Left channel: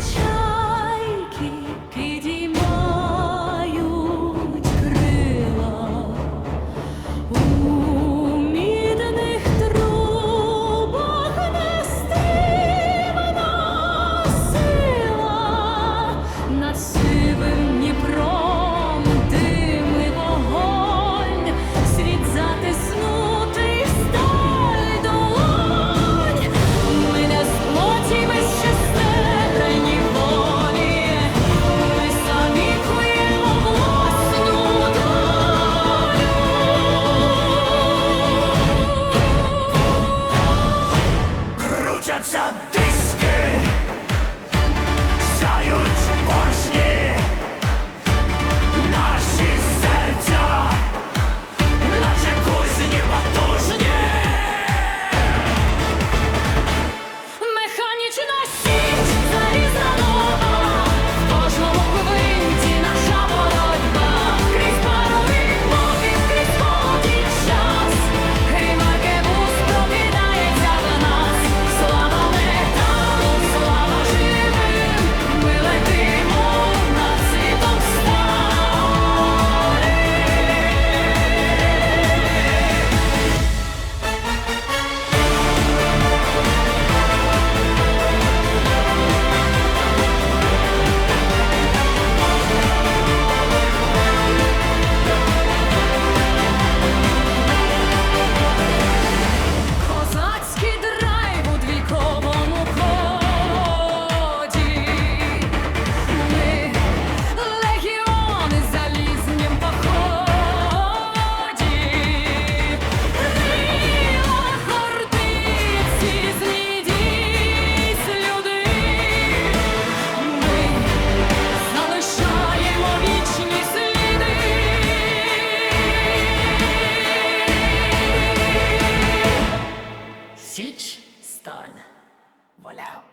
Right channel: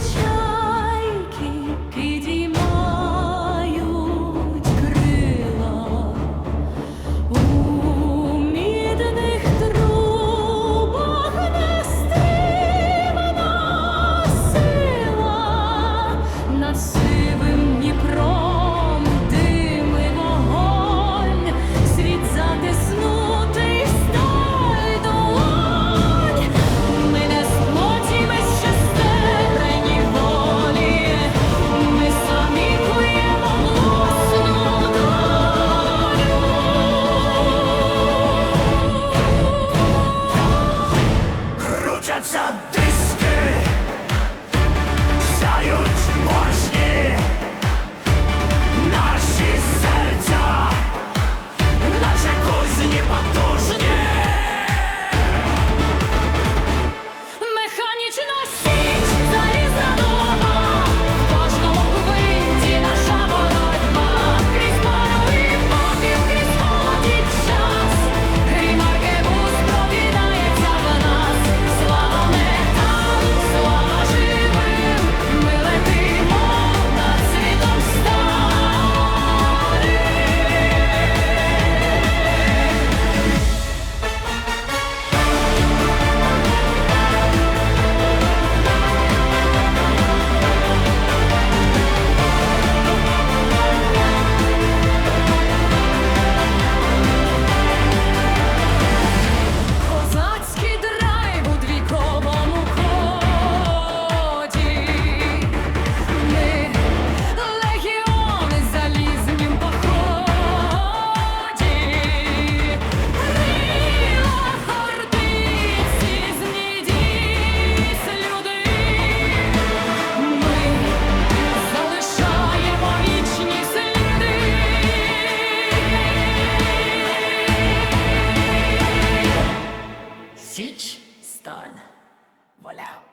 touch Задиски сяють борщі Pakistan. Voilà.